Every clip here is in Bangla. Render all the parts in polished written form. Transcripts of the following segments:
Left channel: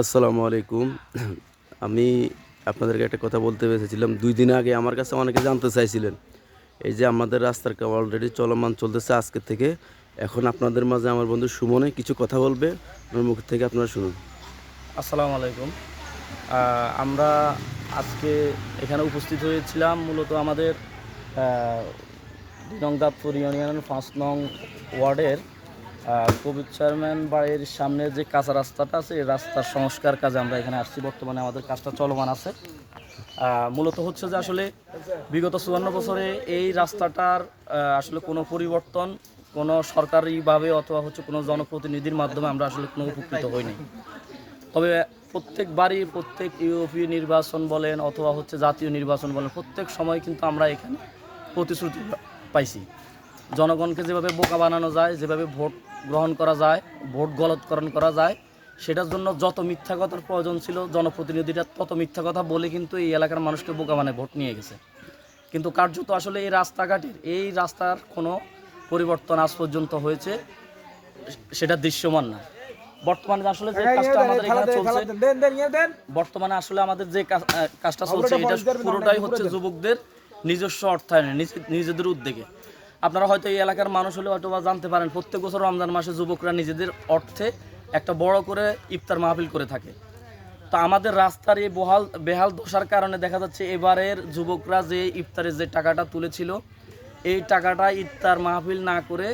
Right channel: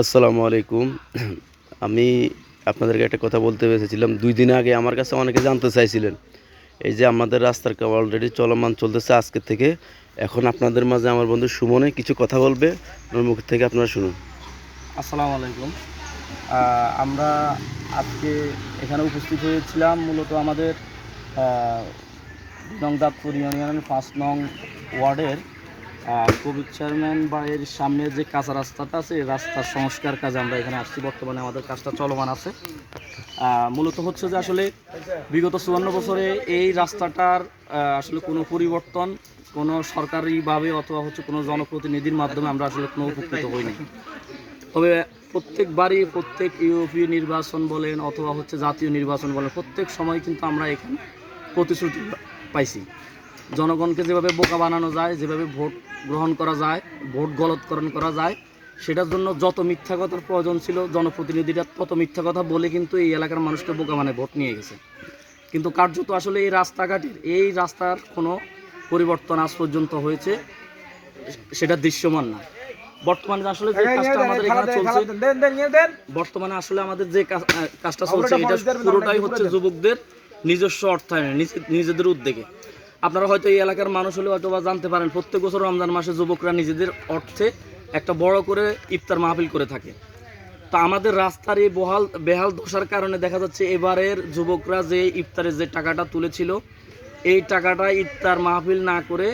আসসালামু আলাইকুম। আমি আপনাদেরকে একটা কথা বলতে এসেছিলাম। ২ দিন আগে আমার কাছে অনেকে জানতে চাইছিলেন। এই যে আমাদের রাস্তার কাজ অলরেডি চলমান চলতেছে আজকে থেকে। এখন আপনাদের মাঝে আমার বন্ধু সুমনে কিছু কথা বলবে। ওর মুখ থেকে আপনারা শুনুন। আসসালামু আলাইকুম। আমরা আজকে এখানে উপস্থিত হয়েছিলাম মূলত আমাদের ২ নং দাঁতপুর ইউনিয়নের ৫ নং ওয়ার্ডের কবির চেয়ারম্যান বাড়ির সামনে যে কাঁচা রাস্তাটা আছে এই রাস্তার সংস্কার কাজে আমরা এখানে আসছি। বর্তমানে আমাদের কাজটা চলমান আছে। মূলত হচ্ছে যে আসলে বিগত ৫৪ বছরে এই রাস্তাটার আসলে কোনো পরিবর্তন কোনো সরকারিভাবে অথবা হচ্ছে কোনো জনপ্রতিনিধির মাধ্যমে আমরা আসলে কোনো উপকৃত হইনি। তবে প্রত্যেকবারই প্রত্যেক ইউপি নির্বাচন বলেন অথবা হচ্ছে জাতীয় নির্বাচন বলেন প্রত্যেক সময় কিন্তু আমরা এখানে প্রতিশ্রুতি পাইছি। জনগণকে যেভাবে বোকা বানানো যায়, যেভাবে ভোট গ্রহণ করা যায়, ভোট গলতকরণ করা যায়, সেটার জন্য যত মিথ্যা কথার প্রয়োজন ছিল জনপ্রতিনিধিরা তত মিথ্যা কথা বলে কিন্তু এই এলাকার মানুষকে বোকা বানায় ভোট নিয়ে গেছে। কিন্তু কার্যত আসলে এই রাস্তাঘাটের এই রাস্তার কোনো পরিবর্তন আজ পর্যন্ত হয়েছে সেটা দৃশ্যমান না। বর্তমানে আসলে যে কাজটা আমাদের এখানে চলছে, বর্তমানে আসলে আমাদের যে কাজটা চলছে এটা পুরোটাই হচ্ছে যুবকদের নিজস্ব অর্থায়নে নিজেদের উদ্যোগে। আপনারা হয়তো এই এলাকার মানুষ হলে হয়তো বা জানতে পারেন প্রত্যেক বছর রমজান মাসে যুবকরা নিজেদের অর্থে একটা বড় করে ইফতার মাহফিল করে থাকে। তা আমাদের রাস্তার এই বেহাল দশার কারণে দেখা যাচ্ছে এবারের যুবকরা যে ইফতারের যে টাকাটা তুলেছিল এই টাকাটা ইফতার মাহফিল না করে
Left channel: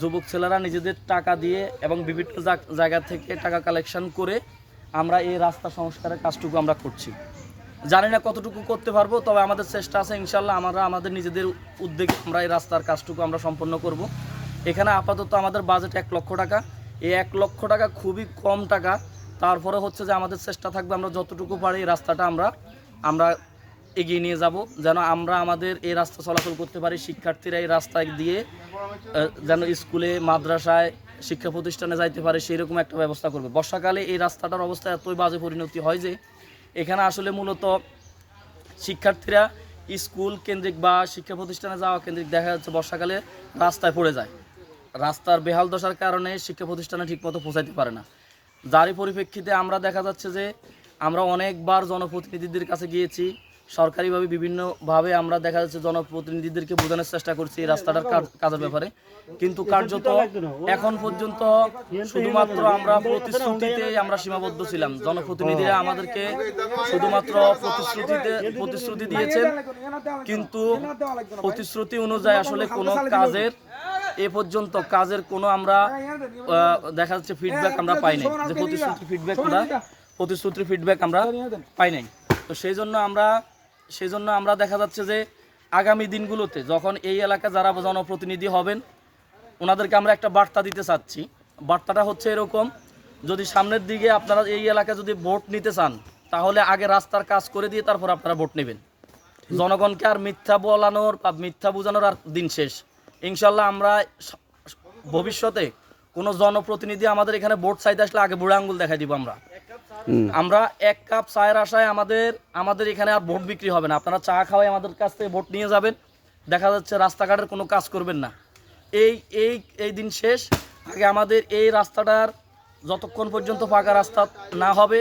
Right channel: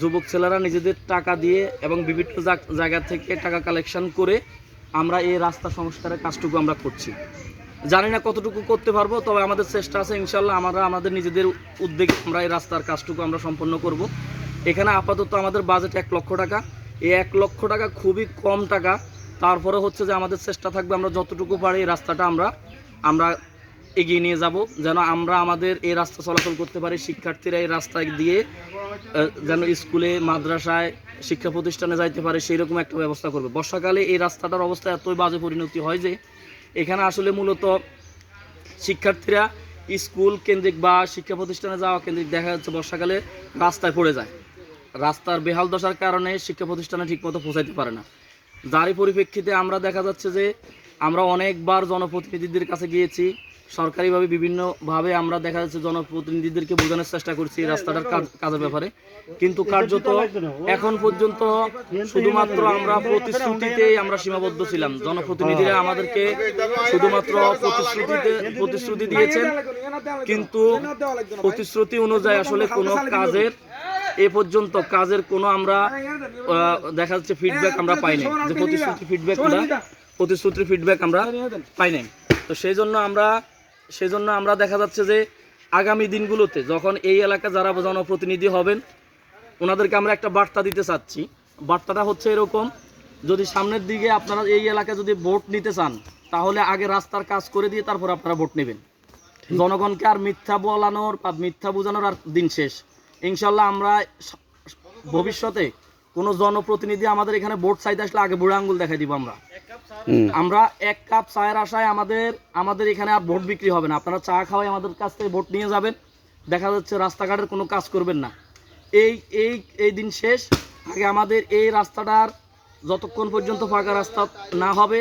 যুবক ছেলেরা নিজেদের টাকা দিয়ে এবং বিভিন্ন জায়গা থেকে টাকা কালেকশন করে আমরা এই রাস্তা সংস্কারের কাজটুকু আমরা করছি। জানি না কতটুকু করতে পারবো, তবে আমাদের চেষ্টা আছে ইনশাল্লাহ। আমরা আমাদের নিজেদের উদ্যোগে আমরা এই রাস্তার কাজটুকু আমরা সম্পন্ন করব। এখানে আপাতত আমাদের বাজেট ১ লক্ষ টাকা। এই ১ লক্ষ টাকা খুবই কম টাকা। তারপরে হচ্ছে যে আমাদের চেষ্টা থাকবে আমরা যতটুকু পারি এই রাস্তাটা আমরা এগিয়ে নিয়ে যাব, যেন আমরা আমাদের এই রাস্তা চলাচল করতে পারি। শিক্ষার্থীরা এই রাস্তা দিয়ে যেন স্কুলে মাদ্রাসায় শিক্ষা প্রতিষ্ঠানে যাইতে পারে সেই রকম একটা ব্যবস্থা করবে। বর্ষাকালে এই রাস্তাটার অবস্থা এতই বাজে পরিণতি হয় যে এখানে আসলে মূলত শিক্ষার্থীরা স্কুল কেন্দ্রিক বা শিক্ষা প্রতিষ্ঠানে যাওয়া কেন্দ্রিক দেখা যাচ্ছে বর্ষাকালে রাস্তায় পড়ে যায়। রাস্তার বেহাল দশার কারণে শিক্ষা প্রতিষ্ঠানে ঠিকমতো পৌঁছাইতে পারে না। যারই পরিপ্রেক্ষিতে আমরা দেখা যাচ্ছে যে আমরা অনেকবার জনপ্রতিনিধিদের কাছে গিয়েছি, সরকারিভাবে বিভিন্নভাবে আমরা দেখা যাচ্ছে জনপ্রতিনিধিদেরকে বোঝানোর চেষ্টা করছি এই রাস্তাটার কাজের ব্যাপারে, কিন্তু কার্যত এখন পর্যন্ত শুধুমাত্র আমরা প্রতিশ্রুতিতেই আমরা সীমাবদ্ধ ছিলাম। জনপ্রতিনিধিরা আমাদেরকে শুধুমাত্র প্রতিশ্রুতি দিয়েছেন, কিন্তু প্রতিশ্রুতি অনুযায়ী আসলে কোনো কাজের এ পর্যন্ত কাজের কোনো আমরা দেখা যাচ্ছে ফিডব্যাক আমরা পাইনি, যে প্রতিশ্রুতির ফিডব্যাক আমরা পাই নাই। তো সেই জন্য আমরা দেখা যাচ্ছে যে আগামী দিনগুলোতে যখন এই এলাকা যারা জনপ্রতিনিধি হবেন ওনাদেরকে আমরা একটা বার্তা দিতে চাচ্ছি। বার্তাটা হচ্ছে এরকম, যদি সামনের দিকে আপনারা এই এলাকায় যদি ভোট নিতে চান তাহলে আগে রাস্তার কাজ করে দিয়ে তারপর আপনারা ভোট নেবেন। জনগণকে আর মিথ্যা বলানোর বা মিথ্যা বোঝানোর আর দিন শেষ। ইনশাল্লাহ আমরা ভবিষ্যতে কোনো জনপ্রতিনিধি আমাদের এখানে ভোট চাইতে আসলে আগে বুড়া আঙ্গুল দেখাই দিব। আমরা ১ কাপ চায়ের আশায় আমাদের এখানে আর ভোট বিক্রি হবে না। আপনারা চা খাওয়াই আমাদের কাছ থেকে ভোট নিয়ে যাবেন, দেখা যাচ্ছে রাস্তাঘাটের কোনো কাজ করবেন না। এই দিন শেষ। আগে আমাদের এই রাস্তাটার যতক্ষণ পর্যন্ত ফাঁকা রাস্তা না হবে,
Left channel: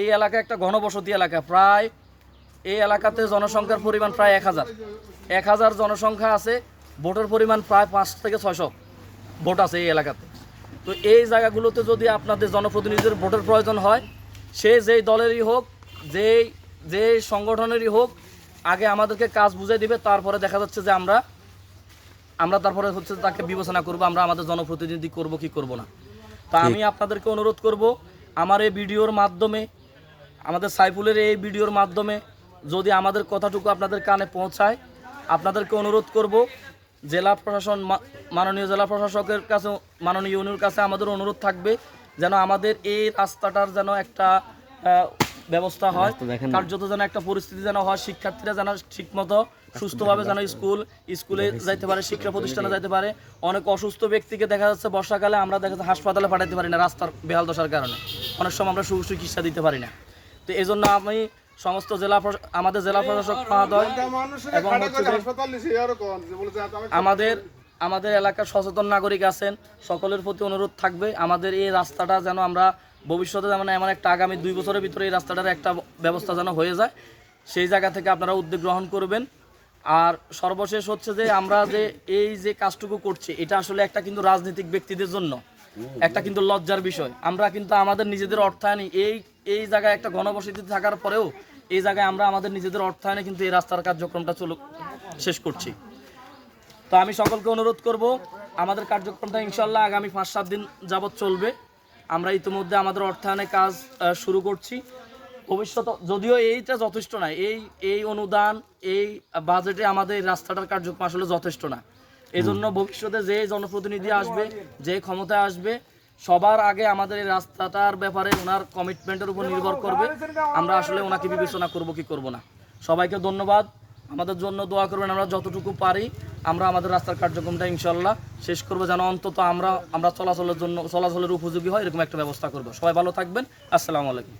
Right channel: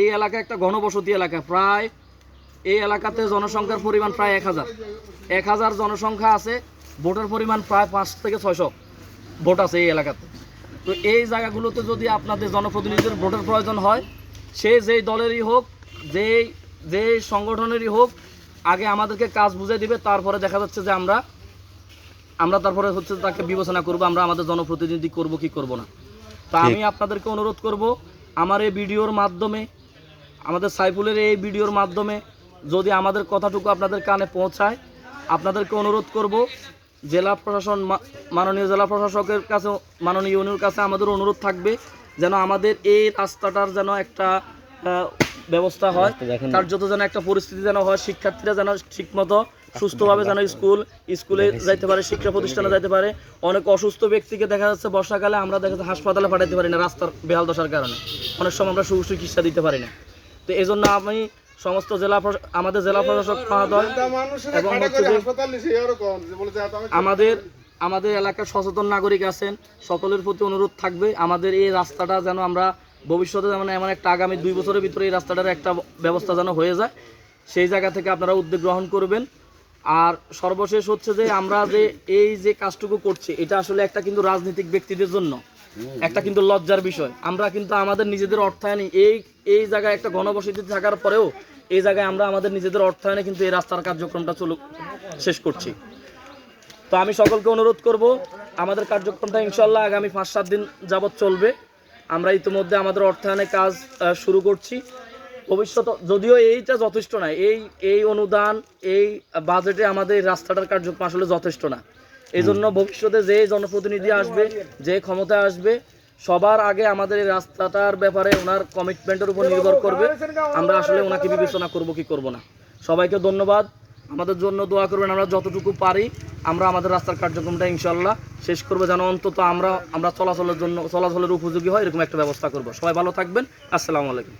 এই এলাকা একটা ঘনবসতি এলাকা, প্রায় এই এলাকাতে জনসংখ্যার পরিমাণ প্রায় ১,০০০ জনসংখ্যা আছে, ভোটের পরিমাণ প্রায় ৫ থেকে ৬০০ ভোট আছে এই এলাকাতে। তো এই জায়গাগুলোতে যদি আপনাদের জনপ্রতিনিধিদের ভোটের প্রয়োজন হয়, সে যেই দলেরই হোক, যেই সংগঠনেরই হোক, আগে আমাদেরকে কাজ বুঝিয়ে দিবে, তারপরে দেখা যাচ্ছে যে আমরা তারপরে হচ্ছে তাকে বিবেচনা করব আমরা আমাদের জনপ্রতিনিধি করব কি করব না। তা আমি আপনাদেরকে অনুরোধ করব, আমার এই ভিডিওর মাধ্যমে, আমাদের সাইফুলের এই ভিডিওর মাধ্যমে যদি আমাদের কথাটুকু আপনাদের কানে পৌঁছায়, আপনাদেরকে অনুরোধ করব জেলা প্রশাসন, মাননীয় জেলা প্রশাসকের কাছে, মাননীয় ইউনিয়নের কাছে আমাদের অনুরোধ থাকবে যেন আমাদের এই রাস্তাটার যেন একটা ব্যবস্থা হয়, কার্যত যেন একটা পরিস্থিতি যেন হয়, শিক্ষার্থীরা যেন ঠিকমতো সুস্থভাবে যেন স্কুলে যাইতে পারে, শিক্ষা প্রতিষ্ঠানে যাইতে পারে। অনেক অসুস্থ ব্যক্তিকে দেখা যাচ্ছে বর্ষাকালে আমরা দেখা যাচ্ছে হাসপাতালে পাঠাতে পারি না রাস্তার বেহাল দশার কারণে, অনেক সময় আমরা সুচিকিৎসা দিতে পারি না। তো এই জন্য আমি সমস্ত আমাদের জেলা প্রশাসক এবং আমাদের এলাকার সচেতন নাগরিক আছেন, সকলের প্রতি অনুরোধ থাকবে আমাদের এই রাস্তাটা যেন আমরা ভবিষ্যতে যেমন এমন একটা আগামী 2 বছরের ভিতরে এই রাস্তাটার একটা ব্যবস্থা যেন হয়ে যায়, সেই জায়গা থেকে আপনারা উদ্যোগ গ্রহণ করবেন। আর সর্বশেষ হচ্ছে যে আমরা যে এই যে কাজটুকু করছি, এটা আসলে একটা কিন্তু রাজনৈতিক ব্যক্তিদের জন্য একটা কিন্তু লজ্জার বিষয়। আমরা কিন্তু আমাদের নিজেদের অর্থায়নে এই জায়গায় একটা ঘনবসতি থাকার পরেও এই জায়গায় আমরা আমাদের নিজেদের অর্থায়নে কিন্তু এই রাস্তার কার্যক্রমটা শেষ করছি। তো আমি সকলকে অনুরোধ করব, আমাদের কার্যক্রমটা ইনশাল্লাহ আগামী 5-7 দিন যাবৎ চলবে। আমরা ইতিমধ্যে আমাদের অর্থায়নে কাজ শুরু করছি। ভবিষ্যৎ যদিও এইটা যথেষ্ট না, এই অনুদান এই বাজেটে আমাদের এই রাস্তাটার কার্যক্রম আসলে যথেষ্ট না। এই জন্য ভবিষ্যতে যে জনপ্রতিনিধি আসবে, যে ক্ষমতায় আসবে, সবার আগে আমাদের এই রাস্তাটার ব্যাপারে ওনার কমিটমেন্টের উপর নির্ভর করবে আমরা আসলে ওনাকে বিবেচনা করব কি করব না। সবাইকে ধন্যবাদ, আমাদের জন্য দোয়া করবেন। আমরা যতটুকু পারি আমরা আমাদের রাস্তার কার্যক্রমটা ইনশাল্লাহ শেষ করবো, যেন অন্তত আমরা চলাচলের উপযোগী হয় এরকম একটা ব্যবস্থা করব। সবাই ভালো থাকবেন। আসসালামু আলাইকুম।